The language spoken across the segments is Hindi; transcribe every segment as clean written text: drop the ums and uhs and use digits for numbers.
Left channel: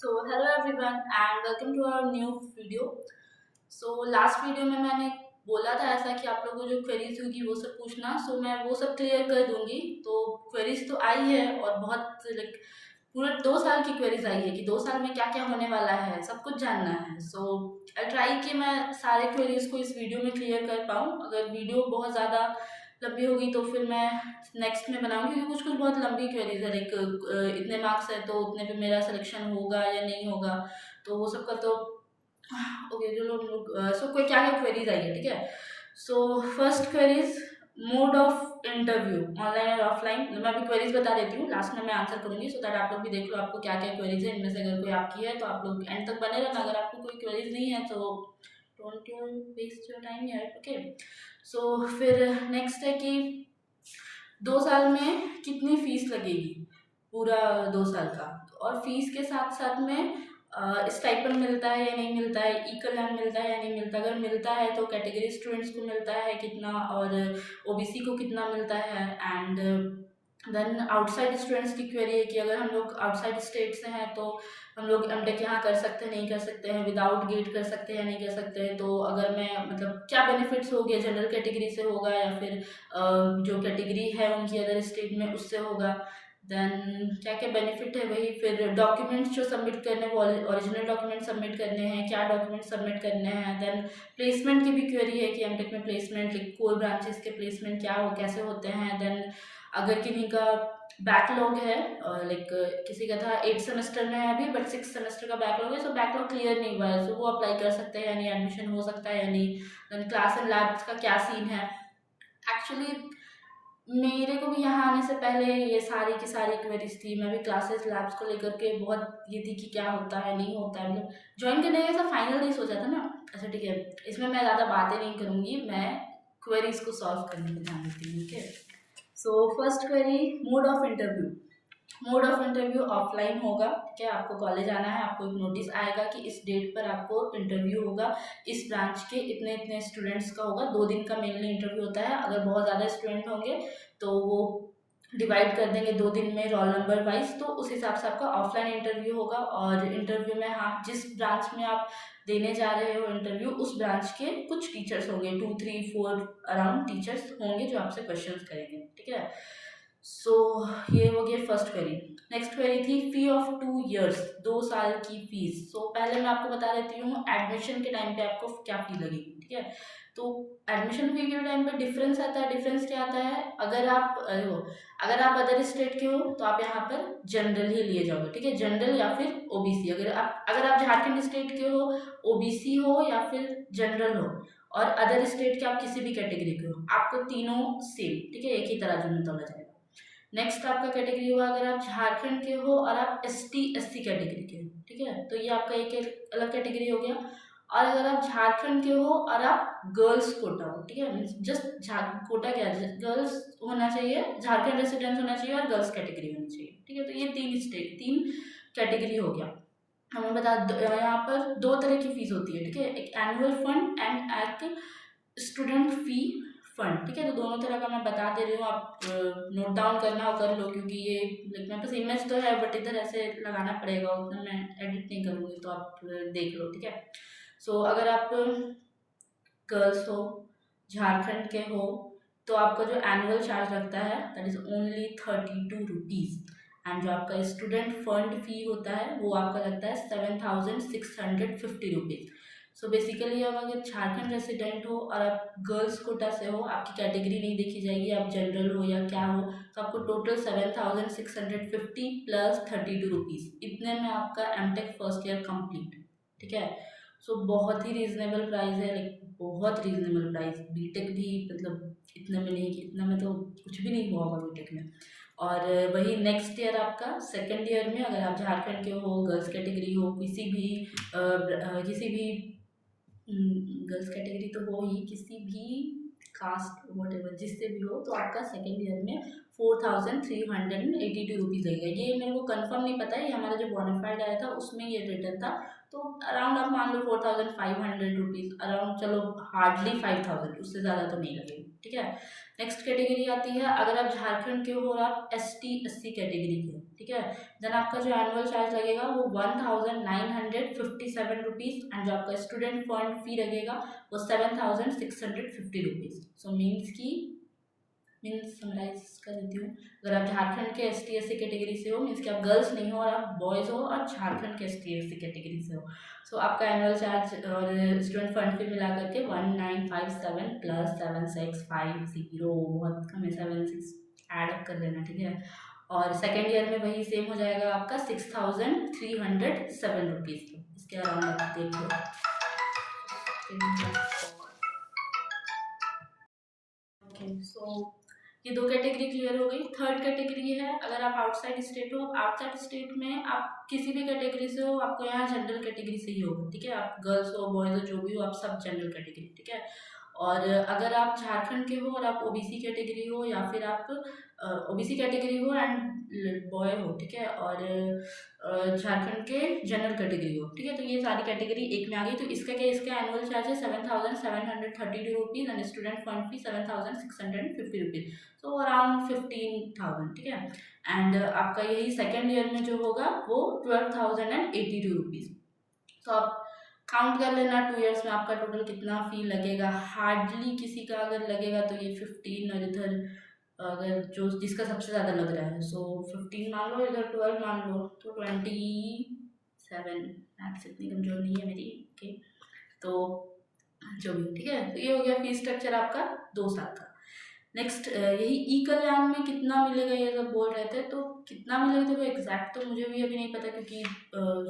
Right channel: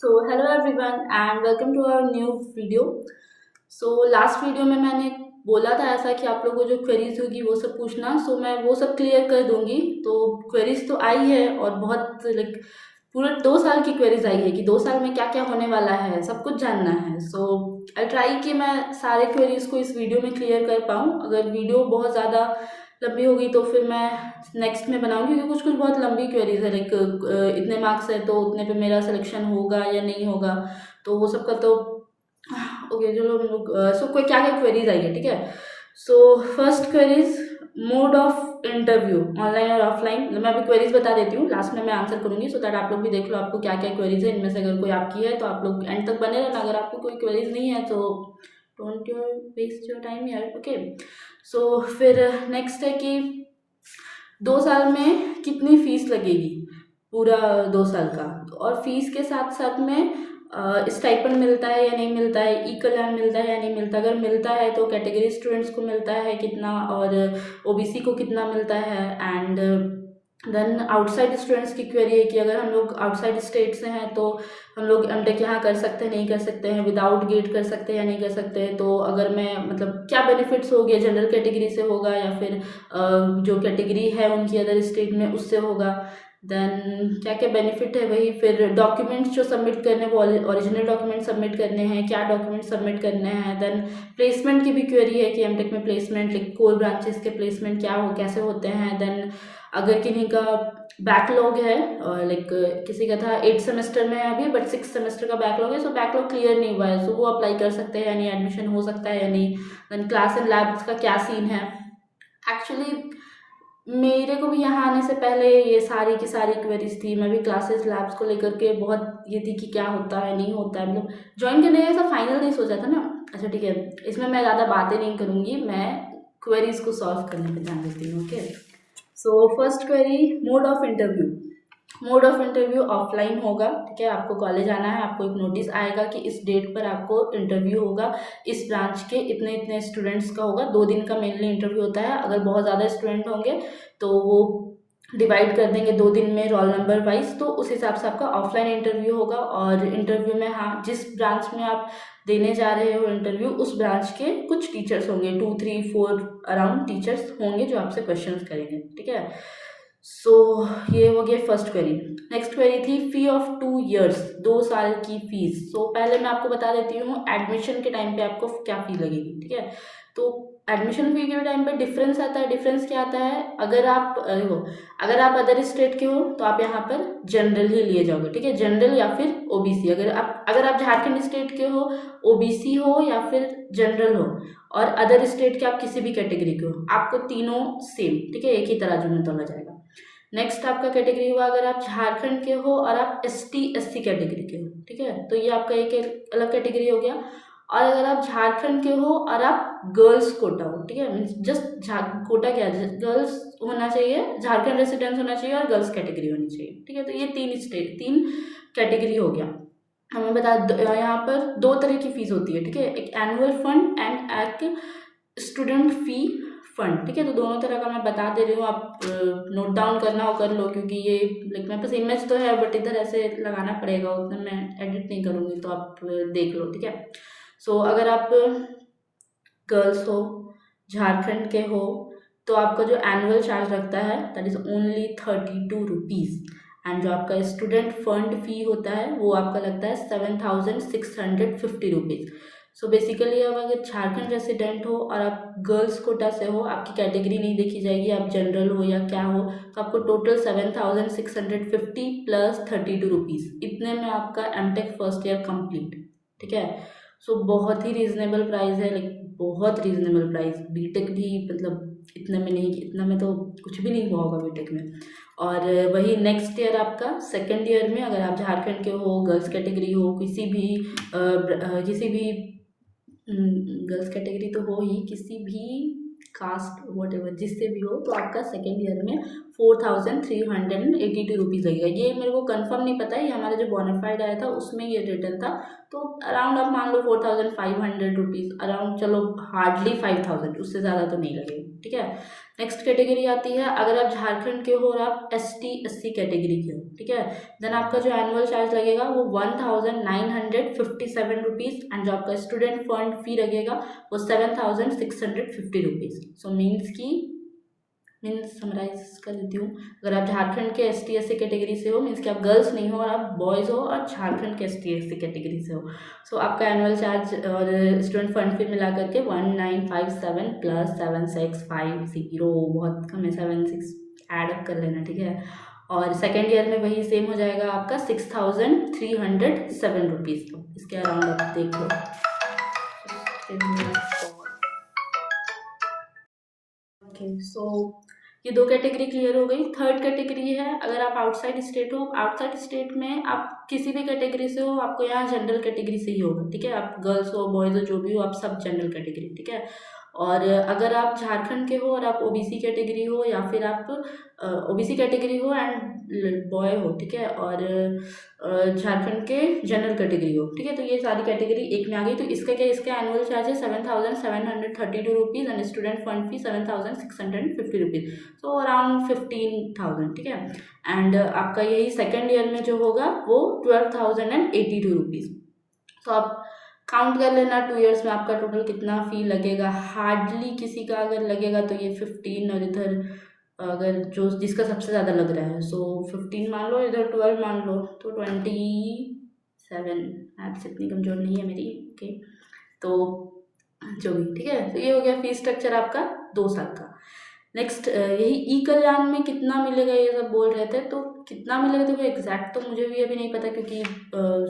Hello everyone and welcome to our new video. Last video में मैंने बोला था ऐसा कि आप लोगों को जो क्वेरीज होगी वो सब पूछना। मैं वो सब क्लियर कर दूंगी। तो क्वेरीज तो आई है और बहुत लाइक पूरे 2 साल की क्वेरीज आई है कि 2 साल में क्या क्या होने वाला है, सब कुछ जानना है। आई ट्राई कि मैं सारे क्वेरीज को इस वीडियो में क्लियर कर पाऊँ। अगर वीडियो बहुत ज़्यादा लंबी होगी तो फिर मैं नेक्स्ट में बनाऊंगी, क्योंकि कुछ कुछ बहुत लंबी क्वेरीज है। इतने मार्क्स है तो उतने पे मेरा सिलेक्शन होगा या नहीं होगा, तो वो सब का तो ओके चलो हम लोग कोई क्या क्या क्वेरीज आई है, ठीक है। First queries, mode of interview online और ऑफलाइन। मतलब मैं अभी क्वेरीज बता देती हूँ, लास्ट में मैं आंसर करूंगी सो दैट आप लोग भी देख लो आपको क्या क्या क्वेरीज है। इनमें से अगर कोई आपकी है तो आप लोग एंड तक बने रहना। अगर आपको कोई क्वेरीज नहीं है तो don't your waste your time यार, ओके। फिर नेक्स्ट है कि 2 साल में कितनी फीस लगेगी, पूरा 2 साल का। और फीस के साथ साथ में स्टाइपेंड मिलता है या नहीं मिलता है, ई कल्याण मिलता है या नहीं मिलता। अगर मिलता है तो कैटेगरी स्टूडेंट्स को मिलता है कितना और ओबीसी को कितना मिलता है। एंड देन आउटसाइड स्टूडेंट्स की क्वेरी है कि अगर हम लोग आउटसाइड स्टेट से हैं तो हम लोग एमटेक यहाँ कर सकते हैं नहीं कर सकते हैं, विदाउट गेट कर सकते हैं या नहीं कर सकते हैं। तो अगर मैं मतलब क्या बेनिफिट्स हो गए, जनरल कैटेगरी से होगा या फिर जो कैटेगरी है उनकी अदर स्टेट में उससे होगा। देन क्या क्या बेनिफिट है वही। फिर डॉक्यूमेंट्स जो सबमिट करने वो ओरिजिनल डॉक्यूमेंट सबमिट करने हैं, क्या डॉक्यूमेंट सबमिट करने हैं। देन प्लेसमेंट की भी क्वेरी है कि एमटेक में प्लेसमेंट लाइक कोर ब्रांचेस के प्लेसमेंट क्या हो कैसे होते हैं। देन अगर किन्हीं का बैकलॉग है, लाइक किसी का था 8 सेमेस्टर में है अभी बट 6 सेमेस्टर का बैकलॉग है, बैकलॉग क्लियर नहीं हुआ है, वो अप्लाई कर सकते हैं या नहीं, एडमिशन हो सकता है या नहीं। देन क्लास एंड लैब्स का क्या सीन है। एक्चुअली मेरे को भी यहाँ आने से पहले ये सारी की सारी क्वेरीज थी। मैं भी क्लासेस लैब्स को लेकर के बहुत ये थी कि क्या होता है नहीं होता है, मतलब ज्वाइन करने का ऐसा फाइनल नहीं सोचा था ना। अच्छा ठीक है, इसमें मैं ज़्यादा बातें नहीं करूँगी, मैं क्वेरीज को सॉल्व करने पर ध्यान देती हूँ, okay. First query, mode of interview. Mode of interview offline होगा, ठीक है। आपको कॉलेज आना है, आपको एक नोटिस आएगा कि इस डेट पर आपको इंटरव्यू होगा, इस ब्रांच के इतने इतने स्टूडेंट्स का होगा। 2 दिन का मेनली इंटरव्यू होता है। अगर बहुत ज़्यादा स्टूडेंट होंगे तो वो डिवाइड कर देंगे 2 दिन में रोल नंबर वाइज, तो उस हिसाब से आपका ऑफलाइन इंटरव्यू होगा। और इंटरव्यू में हाँ, जिस ब्रांच में आप देने जा रहे हो इंटरव्यू उस ब्रांच के कुछ टीचर्स होंगे, 2 3 4 अराउंड टीचर्स होंगे जो आपसे क्वेश्चंस करेंगे, ठीक है। सो ये हो गया फर्स्ट क्वेरी। नेक्स्ट क्वेरी थी फी ऑफ 2 इयर्स, 2 साल की फीस। पहले मैं आपको बता देती हूँ एडमिशन के टाइम पे आपको क्या फी लगेगी, ठीक है। तो एडमिशन फी के टाइम पे डिफरेंस आता है। डिफरेंस क्या आता है, अगर आप देखो, अगर आप अदर स्टेट के हो तो आप यहाँ पर जनरल ही लिए जाओगे, ठीक है, जनरल या फिर ओबीसी। अगर आप झारखंड स्टेट के हो, ओबीसी हो या फिर जनरल हो, और अदर स्टेट के आप किसी भी कैटेगरी के हो, आपको तीनों सेम, ठीक है, एक ही तराजू में तोला जाएगा। नेक्स्ट आपका कैटेगरी हुआ अगर आप झारखंड के हो और आप एसटी एससी कैटेगरी के हो, ठीक है, तो ये आपका एक अलग कैटेगरी हो गया। और अगर आप झारखंड के हो और आप गर्ल्स कोटा हो, ठीक है, मीन्स जस्ट कोटा क्या, गर्ल्स होना चाहिए, झारखंड रेसिडेंस होना चाहिए और गर्ल्स कैटेगरी होनी चाहिए, ठीक है। तो ये तीन कैटेगरी हो गया। हमें यहाँ पर 2 तरह की फीस होती है, ठीक है, एक एनुअल फंड एंड एक स्टूडेंट फी फंड, ठीक है। तो दोनों तरह का मैं बता दे रही हूँ, आप नोट डाउन करना हो कर लो, क्योंकि ये लाइक मेरे पास इमेज तो है बट इधर ऐसे लगाना पड़ेगा, उतना मैं एडिट नहीं करूँगी, तो आप देख लो, ठीक है। अगर आप गर्ल्स हो, झारखंड के हो, तो आपका जो एनुअल चार्ज लगता है that is only 32 rupees. And जो आपका स्टूडेंट फंड फी होता है वो आपका लगता है 7650 रुपीज़। बेसिकली अब अगर झारखंड रेसिडेंट हो और आप गर्ल्स कोटा से हो, आपकी कैटेगरी नहीं देखी जाएगी, आप जनरल हो या क्या हो, तो आपको टोटल 7650 प्लस 32 रुपीज़, इतने में आपका एमटेक फर्स्ट ईयर कंप्लीट, ठीक है। बहुत ही रीज़नेबल प्राइस है, लाइक बहुत रीज़नेबल प्राइस। बीटेक भी मतलब इतने में नहीं, इतना में तो कुछ भी नहीं हुआ होगा बीटेक में। और वही नेक्स्ट ईयर आपका सेकेंड ईयर में अगर आप झारखंड के हो, गर्ल्स कैटेगरी हो, किसी भी गर्ल्स कैटेगरी तो हो ही, किसी भी कास्ट वॉट एवर जिससे भी हो, तो आपका सेकेंड ईयर में 4382 रुपीज़ लगेगा। ये मेरे को कंफर्म नहीं पता है, ये हमारा जो बोनाफाइड आया था उसमें ये रिटर्न था। तो अराउंड आप मान लो 4500 रुपीज़ अराउंड, चलो हार्डली 5000, उससे ज़्यादा तो नहीं लगेगा, ठीक है। नेक्स्ट कैटेगरी आती है अगर आप झारखंड के हो और आप ST SC कैटेगरी के हो, ठीक है, देन आपका जो एनुअल चार्ज लगेगा वो 1957 रुपीज़ एंड जो आपका स्टूडेंट फंड फी लगेगा वो 7650 रुपीज़। सो मीन्स समराइज कर देती हूँ, अगर आप झारखंड के ST SC कैटेगरी से हो, मीन्स कि आप गर्ल्स नहीं हो और आप बॉयज़ हो और झारखंड के ST SC कैटेगरी से हो, सो आपका एनुअल चार्ज और स्टूडेंट फंड फी मिला करके 1957 प्लस 7650, बहुत कम है, 76 ऐड अप कर लेना, ठीक है। और सेकेंड ईयर में वही सेम हो जाएगा आपका 6307 रुपीज़। इसके अराउंड आप देख लो। ओके, सो ये दो कैटेगरी क्लियर हो गई। थर्ड कैटेगरी है अगर आप आउटसाइड स्टेट हो। आउटसाइड स्टेट में आप किसी भी कैटेगरी से हो, आपको यहाँ जनरल कैटेगरी से ही होगा, ठीक है। आप गर्ल्स हो बॉयज़ हो जो भी हो, आप सब जनरल कैटेगरी, ठीक है। और अगर आप झारखंड के हो और आप OBC कैटेगरी हो या फिर आप OBC कैटेगरी हो एंड बॉय हो, ठीक है, और झारखंड के जनरल कैटेगरी हो, ठीक है, तो ये सारी कैटेगरी एक में आ गई। तो इसका क्या, इसका एनुअल चार्ज है 7732 rupees and student fund fee 7650 rupees, so around 15,000, ठीक है। एंड आपका यही सेकेंड ईयर में जो होगा वो 12,082 रुपीज़। तो आप काउंट कर लेना 2 ईयर्स में आपका टोटल कितना फ़ी लगेगा। हार्डली किसी का अगर लगेगा तो ये 15, और इधर अगर जो जिसका सबसे ज़्यादा लग रहा है सो 15 मान लो, इधर 12 मान लो, तो 27। मैथ्स इतनी कमज़ोर नहीं है मेरी, ओके, तो जो भी, ठीक है। तो ये हो गया फीस स्ट्रक्चर आपका 2 साल का। नेक्स्ट यही ई कल्याण में कितना मिलेगा ये सब बोल रहे थे, तो कितना मिलेगा देखो एग्जैक्ट तो मुझे भी अभी नहीं पता, क्योंकि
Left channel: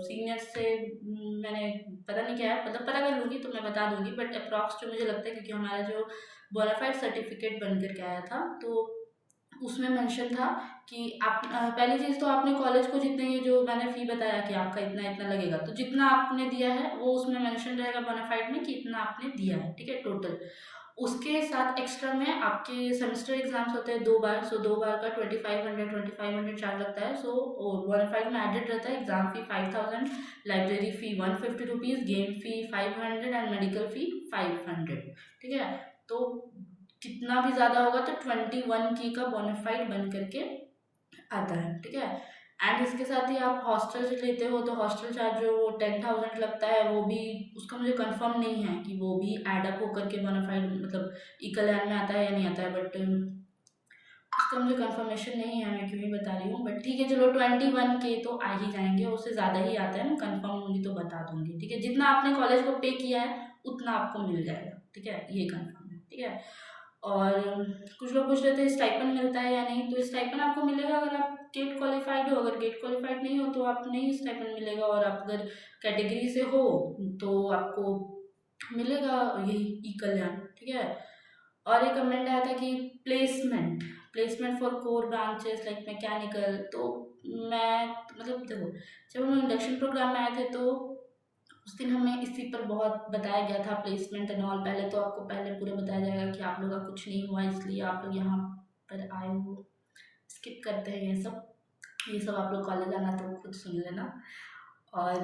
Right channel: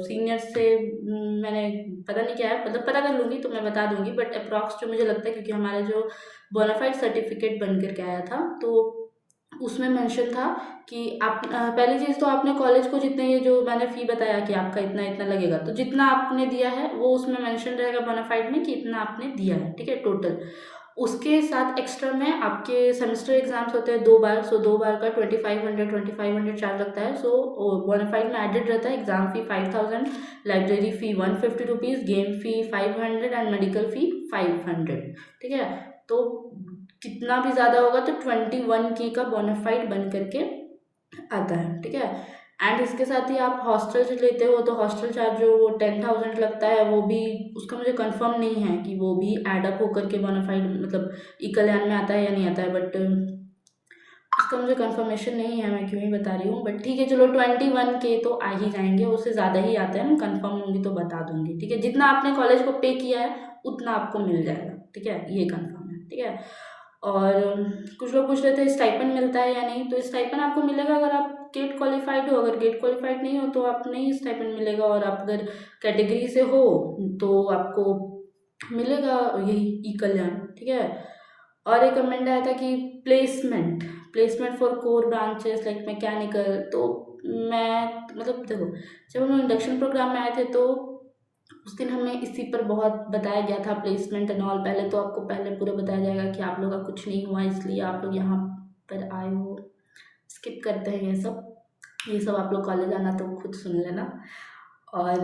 सीनियर से मैंने पता नहीं क्या है, मतलब पता कर लूँगी तो मैं बता दूँगी, बट अप्रॉक्स जो मुझे लगता है, क्योंकि हमारा जो बोनाफाइड सर्टिफिकेट बन करके आया था तो उसमें मेंशन था कि आप पहली चीज़ तो आपने कॉलेज को जितने, ये जो मैंने फ़ी बताया कि आपका इतना इतना लगेगा, तो जितना आपने दिया है वो उसमें मेंशन रहेगा बोनाफाइड में कि इतना आपने दिया है, ठीक है, टोटल। उसके साथ एक्स्ट्रा में आपके सेमेस्टर एग्जाम्स होते हैं 2 बार, सो 2 बार का 2500 चार्ज लगता है। सो बोनाफाइड में एडेड रहता है exam fee 5000, library fee 150 rupees, game fee 500 and medical fee 500, ठीक है। तो कितना भी ज़्यादा होगा तो 21K का बोनाफाइड बन करके आता है, ठीक है। एंड इसके साथ ही आप हॉस्टल से लेते हो तो हॉस्टल चार्ज जो 10,000 लगता है, वो भी उसका मुझे कंफर्म नहीं है कि वो भी ऐड अप होकर के बोनाफाइड मतलब ई कल्याण में आता है या नहीं आता है, बट उसका मुझे कंफर्मेशन नहीं है, मैं क्यों ही बता रही हूँ, बट ठीक है चलो 21K तो आ ही जाएंगे, उससे ज़्यादा ही आते हैं, मैं कंफर्म होंगी तो बता दूंगी, ठीक है। जितना आपने कॉलेज को पे किया है उतना आपको मिल जाएगा, ठीक है, ये कंफर्म है, ठीक है। और कुछ लोग पूछ रहे थे स्टाइपेंड मिलता है या नहीं, तो स्टाइपेंड आपको मिलेगा अगर आप गेट क्वालिफाइड हो। अगर गेट क्वालिफाइड नहीं हो तो आप नहीं स्टाइपेंड मिलेगा, और आप अगर कैटेगरी से हो तो आपको मिलेगा यही ई कल्याण, ठीक है। और एक कमेंट आया था कि placement for core branches like mechanical, तो मैं मतलब देखो, जब हम इंडक्शन प्रोग्राम में आए थे तो उस दिन हमें इसी पर बहुत बताया गया था, प्लेसमेंट एंड ऑल। पहले तो आपको पहले पूरा बताया जाएगा कि आप लोग का कुछ नहीं हुआ इसलिए आप लोग यहाँ पर आए हो, स्किप करते हैं ये सब आप लोग कॉलेज आना तो खुद सुन लेना। और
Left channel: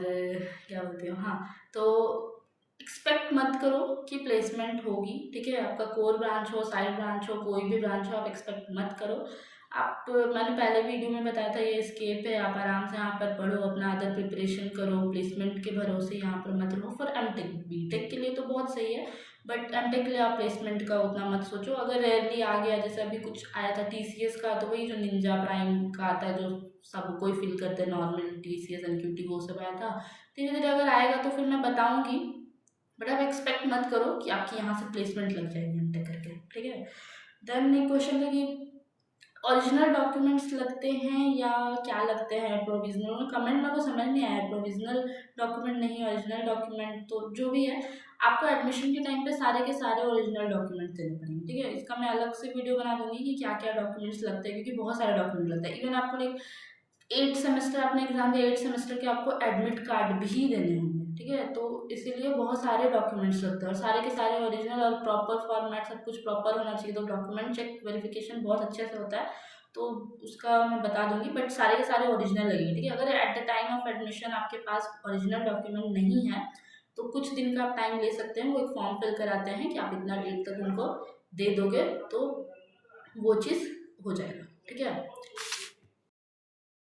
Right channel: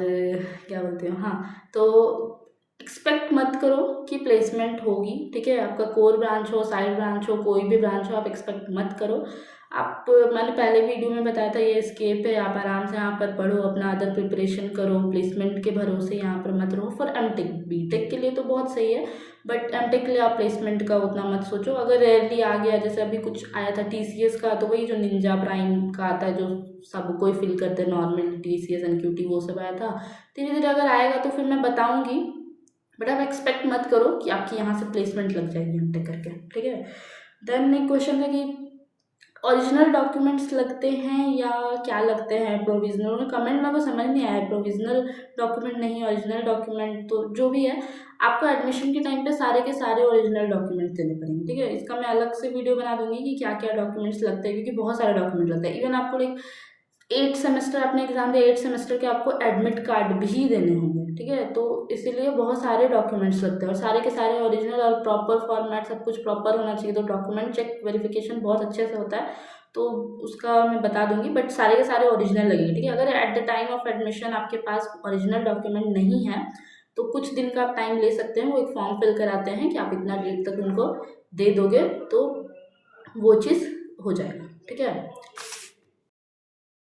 क्या बोलते हो, हाँ, तो एक्सपेक्ट मत करो कि प्लेसमेंट होगी, ठीक है। आपका कोर ब्रांच हो, साइड ब्रांच हो, कोई भी ब्रांच हो, आप एक्सपेक्ट मत करो। आप, मैंने पहले वीडियो में बताया था ये स्केप है, आप आराम से यहाँ पर पढ़ो, अपना अदर प्रिपरेशन करो, प्लेसमेंट के भरोसे यहाँ पर मत रहो। फॉर एमटेक, बीटेक के लिए तो बहुत सही है, बट एमटेक के लिए आप प्लेसमेंट का उतना मत सोचो। अगर रेयरली आ गया, जैसे अभी कुछ आया था TCS का, तो वही जो निंजा प्राइम का आता है जो सब कोई फिल करते हैं नॉर्मल, TCS NQT वो सब आया था। धीरे धीरे अगर आएगा तो फिर मैं बताऊँगी, बट आप एक्सपेक्ट मत करो कि आपकी यहाँ से प्लेसमेंट लग जाएगी एमटेक करके, ठीक है। देन एक क्वेश्चन था कि ओरिजिनल डॉक्यूमेंट्स लगते हैं या क्या लगते हैं, प्रोविजनल, कमेंट में को समझ नहीं आया, प्रोविजनल डॉक्यूमेंट नहीं ओरिजिनल डॉक्यूमेंट, तो जो भी है आपको एडमिशन के टाइम पे सारे के सारे ओरिजिनल डॉक्यूमेंट्स देने पड़ेंगे, ठीक है। इसका मैं अलग से वीडियो बना दूंगी कि क्या क्या डॉक्यूमेंट्स लगते हैं, क्योंकि बहुत सारे डॉक्यूमेंट लगते हैं। इवन आपको एक 8 सेमेस्टर आपने एग्जाम दिया, 8 सेमेस्टर के आपको एडमिट कार्ड भी देने होंगे, ठीक है। तो इसीलिए बहुत सारे डॉक्यूमेंट्स लगते हैं, और सारे के सारे ओरिजिनल और प्रॉपर फॉर्मेट सब कुछ प्रॉपर होना चाहिए। तो डॉक्यूमेंट चेक वेरिफिकेशन बहुत अच्छे से होता है, तो उसका मैं बता दूंगी, बट सारे के सारे ओरिजिनल लगेंगे, ठीक है। अगर at the time of admission आपके पास ओरिजिनल डॉक्यूमेंट नहीं है तो कुछ दिन का आप टाइम ले सकते हैं, वो एक फॉर्म फिल कराते हैं कि आप इतना डेट तक उनको दे दोगे तो वो चीज़ हो जाएगा, ठीक है।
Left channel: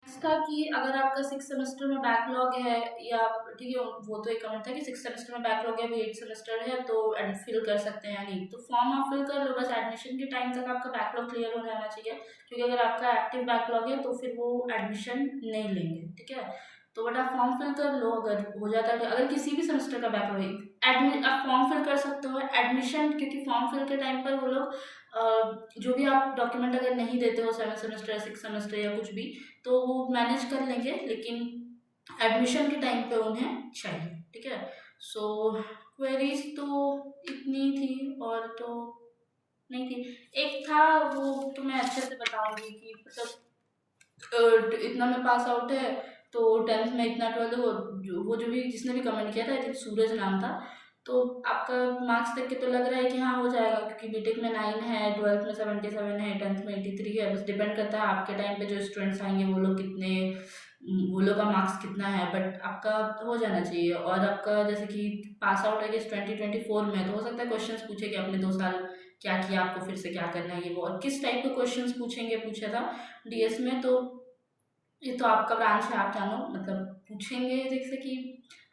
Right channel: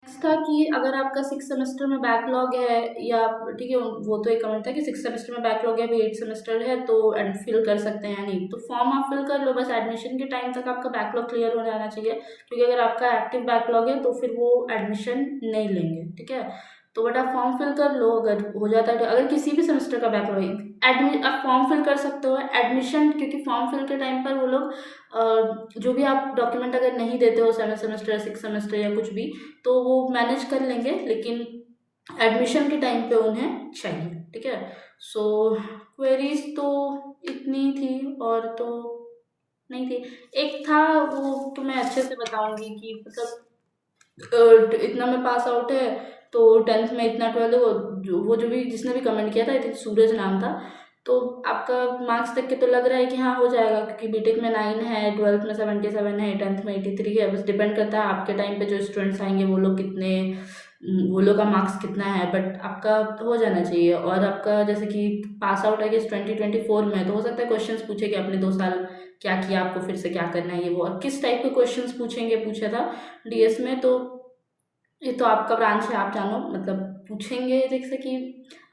नेक्स्ट था कि अगर आपका 6 सेमेस्टर में बैकलॉग है या, ठीक है, वो तो एक कमेंट था कि 6 सेमेस्टर में बैकलॉग है, अभी 8 सेमेस्टर है, तो फिल कर सकते हैं या नहीं। तो फॉर्म आप फिल कर लो, बस एडमिशन के टाइम तक आपका बैकलॉग क्लियर हो जाना चाहिए, क्योंकि अगर आपका एक्टिव बैकलॉग है तो फिर वो एडमिशन नहीं लेंगे, ठीक है। तो बट आप फॉर्म फिल कर लो, अगर हो जाता है, अगर किसी भी सेमेस्टर का बैकलॉग है, आप फॉर्म फिल कर सकते हो एडमिशन, क्योंकि फॉर्म फिल के टाइम पर वो लोग जो भी आप डॉक्यूमेंट अगर नहीं देते हो 7 सेमेस्टर 6 सेमेस्टर या कुछ भी, तो वो मैनेज कर लेंगे, लेकिन एडमिशन के टाइम पे उन्हें चाहिए, ठीक है। सो क्वेरीज तो इतनी थी, और तो नहीं थी। एक था, वो तो मैं अच्छे से बताऊंगी कि मतलब इतना में पास आउट है, तो 10th में इतना, 12th वो जो भी जिसने भी कमेंट किया था, आई थिंक सूरज नाम था, तो आपका मार्क्स देख के तो लग रहा है कि हाँ हो जाएगा, क्योंकि बीटेक में 9 है, 12th में 77 है, 10th में 83 है। बस डिपेंड करता है आपके टाइम पे जो स्टूडेंट्स आएंगे वो लोग कितने, वो लोग का मार्क्स कितना है, बट आपका हो जाना चाहिए। और आपका जैसे कि पास आउट है कि 2024 में, तो हो सकता है क्वेश्चंस पूछे कि आपने 2 साल क्या किया, आपको फिर से क्या करना है, ये वो, और किस टाइप के क्वेश्चंस पूछेंगे, पूछा था डीएस में। तो ये तो आपका ब्रांच है, आप जानो, मतलब पूछेंगे जैसे कि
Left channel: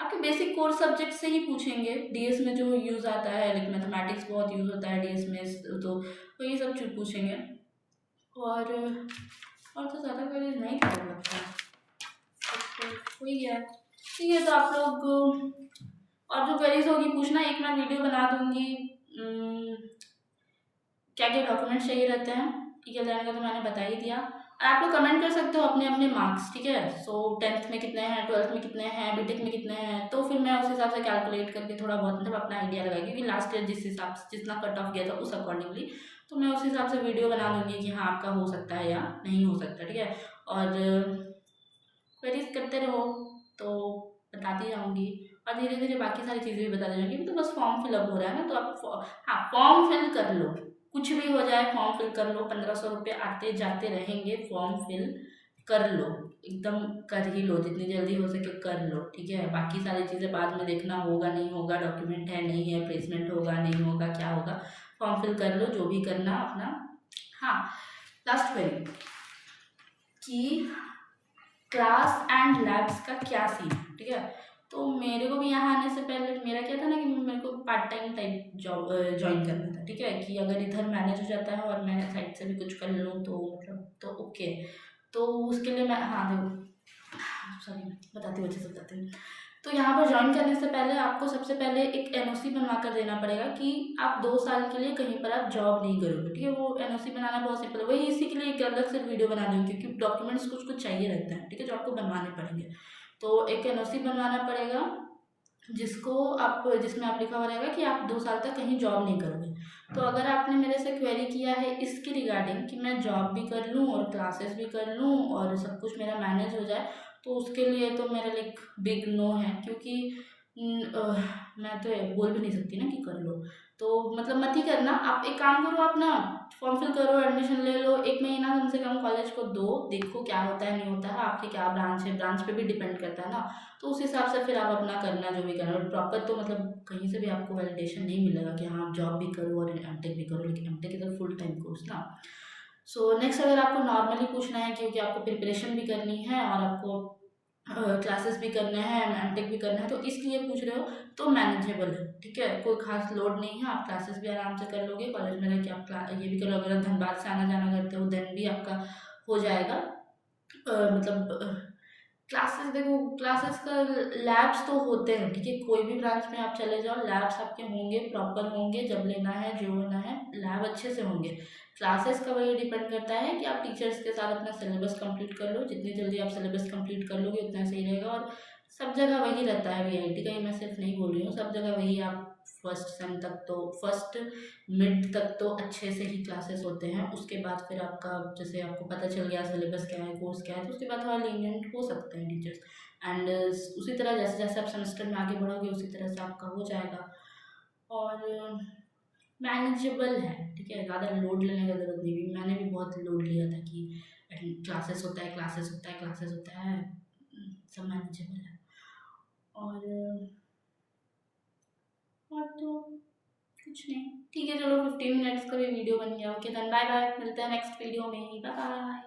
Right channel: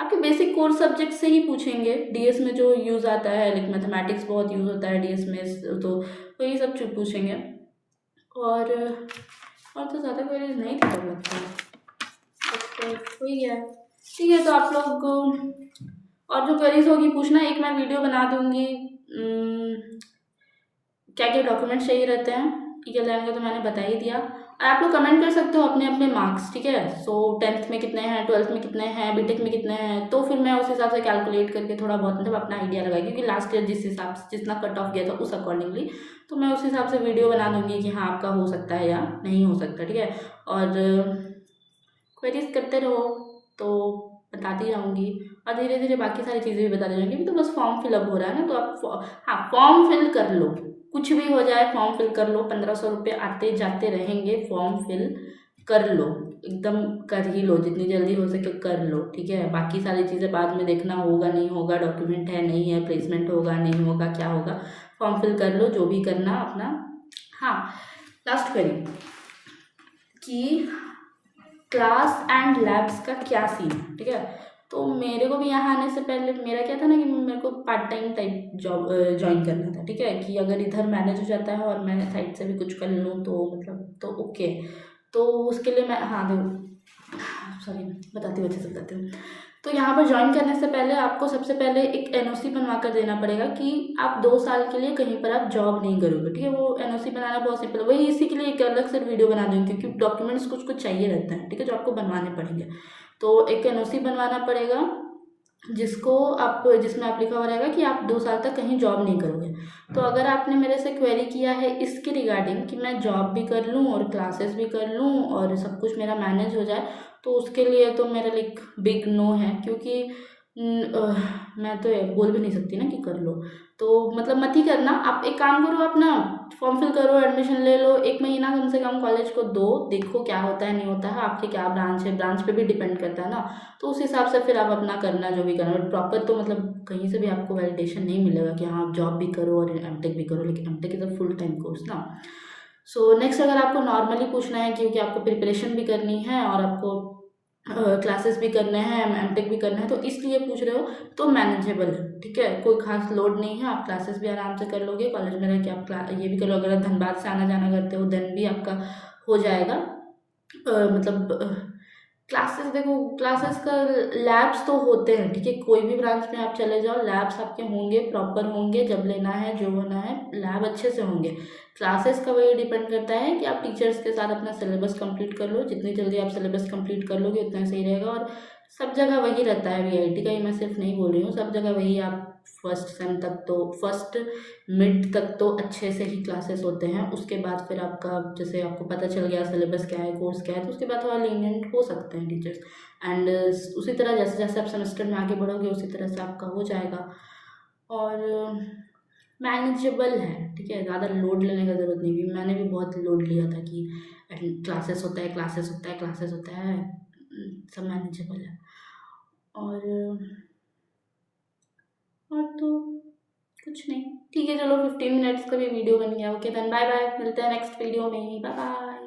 आपके बेसिक कोर्स सब्जेक्ट से ही पूछेंगे। डीएस में जो यूज़ आता है, लाइक मैथमेटिक्स बहुत यूज़ होता है डीएस में, तो वही सब चीज़ पूछेंगे। और तो ज़्यादा क्वेरीज नहीं थी तब लगता है, बट वही है, ठीक है। तो आप लोग और जो क्वेरीज होगी पूछना, एक मैं वीडियो बना दूंगी क्या क्या डॉक्यूमेंट्स चाहिए रहते हैं, ठीक है। लेने का तो मैंने बता ही दिया, और आप लोग कमेंट कर सकते हो अपने अपने मार्क्स, ठीक है। सो 10th में कितने हैं, 12th में कितने हैं, बीटेक में कितने हैं, तो फिर मैं उस हिसाब से कैलकुलेट करके थोड़ा बहुत मतलब अपना आइडिया लगाई, क्योंकि लास्ट ईयर जिस हिसाब से जितना कट ऑफ गया था उस अकॉर्डिंगली, तो मैं उस हिसाब से वीडियो बना दूंगी कि हाँ आपका हो सकता है या नहीं हो सकता, ठीक है। और क्वेरीज करते रहो तो बताती जाऊँगी, और धीरे धीरे बाकी सारी चीज़ें भी बताती जाऊँगी। अभी तो बस फॉर्म फिलअप हो रहा है ना, तो आप हाँ फॉर्म फिल कर लो, कुछ भी हो जाए फॉर्म फिल कर लो, 1500 रुपये आते जाते रहेंगे, फॉर्म फिल कर लो, एकदम कर ही लो, जितनी जल्दी हो सके कर लो, ठीक है। बाकी सारी चीज़ें बाद में देखना, होगा नहीं होगा, डॉक्यूमेंट है नहीं है, प्लेसमेंट होगा नहीं होगा, क्या होगा, फॉर्म फिल कर लो, जो भी करना अपना। हाँ, लास्ट क्वेरी कि क्लास एंड लैब्स का क्या सीन है, ठीक है। तो मेरे को भी यहाँ आने से पहले मेरा क्या था ना, कि मेरे को part time type job join करना था, ठीक है, कि अगर इधर मैनेज हो जाता है और मैं साइड से भी कुछ कर लूँ तो मतलब तो ओके। तो उसके लिए मैं, हाँ देखो, सॉरी बताती हूँ, अच्छे से बताती हूँ। तो यहाँ पर ज्वाइन करने से पहले आपको सबसे पहले एक एनओसी बनवा कर देना पड़ेगा कि आप 2 साल के लिए कहीं पर आप जॉब नहीं करोगे, ठीक है। वो एनओसी बनाना बहुत सिंपल है, वही इसी के लिए एक अलग से वीडियो बना दूँगी, क्योंकि डॉक्यूमेंट्स कुछ कुछ चाहिए रहते हैं, ठीक है, जो आपको बनवाने पड़ेंगे। तो एक एनओसी बनवाना पड़ेगा, जिसमें आप लिखा हुआ रहेगा कि आप 2 साल तक कहीं जॉब नहीं करोगे। तो अगर आपने मेरे से क्वेरी किया है इसके रिगार्डिंग कि मैं जॉब भी कर लूँ और क्लासेस भी कर लूँ और सब कुछ मेरा मैनेज हो जाए, तो उसके लिए तो मेरा लाइक बिग नो है, क्योंकि मैं तो ये बोल भी नहीं सकती ना कि कर लो, तो मतलब मत ही करना। आप एक काम करो, आप ना फॉर्म फिल करो, एडमिशन ले लो, 1 महीना कम से कम कॉलेज को दो, देखो क्या होता है नहीं होता है, आपके क्या ब्रांच है, ब्रांच पे भी डिपेंड करता है ना। तो उस हिसाब से फिर आप अपना करना जो भी करना, बट प्रॉपर तो मतलब कहीं से भी आपको वैलिडेशन नहीं मिलेगा कि हाँ आप जॉब भी करो और एमटेक भी करो, लेकिन MTech is a full time course ना। सो नेक्स्ट, अगर आपको नॉर्मली पूछना है, क्योंकि आपको प्रिपरेशन भी करनी है और आपको क्लासेस भी करने हैं, एमटेक भी करना है, तो इसलिए पूछ रहे हो, तो मैनेजेबल है, ठीक है, कोई खास लोड नहीं है, आप क्लासेस भी आराम से कर लोगे, कॉलेज में रह के आप ये भी कर लो, अगर आप धनबाद से आना जाना करते हो देन भी आपका हो जाएगा। मतलब क्लासेस देखो, क्लासेस का लैब्स तो होते हैं, ठीक है, कोई भी ब्रांच में आप चले जाओ, लैब्स आपके होंगे, प्रॉपर होंगे, जब लेना है जो होना है लैब अच्छे से होंगे। क्लासेस का वही डिपेंड करता है कि आप टीचर्स के साथ अपना सिलेबस कंप्लीट कर लो, जितनी जल्दी आप सिलेबस कंप्लीट कर लोगे उतना सही रहेगा। और सब जगह वही रहता है, वीआईटी का ही मैं सिर्फ नहीं बोल रही हूँ, सब जगह वही। आप फर्स्ट सेम तक तो, फर्स्ट मिड तक तो अच्छे से ही क्लासेस होते हैं, उसके बाद फिर आपका जैसे आपको पता चल गया सिलेबस क्या है, कोर्स क्या है, तो उसके बाद थोड़ा लीनियंट हो सकते हैं टीचर्स। एंड उसी तरह जैसे जैसे आप सेमेस्टर में आगे बढ़ोगे उसी तरह से आपका हो जाएगा, और मैनेजेबल है, ठीक है, ज़्यादा लोड लेने का ज़रूरत नहीं भी। मैंने भी बहुत लोड लिया था कि क्लासेस होता है, क्लासेस होता है, क्लासेस होता है, सब मैनेजेबल है। और और तो कुछ नहीं। ठीक है, चलो 15 मिनट्स का भी वीडियो बन गया। ओके देन बाय बाय, मिलते हैं नेक्स्ट वीडियो में। Bye bye.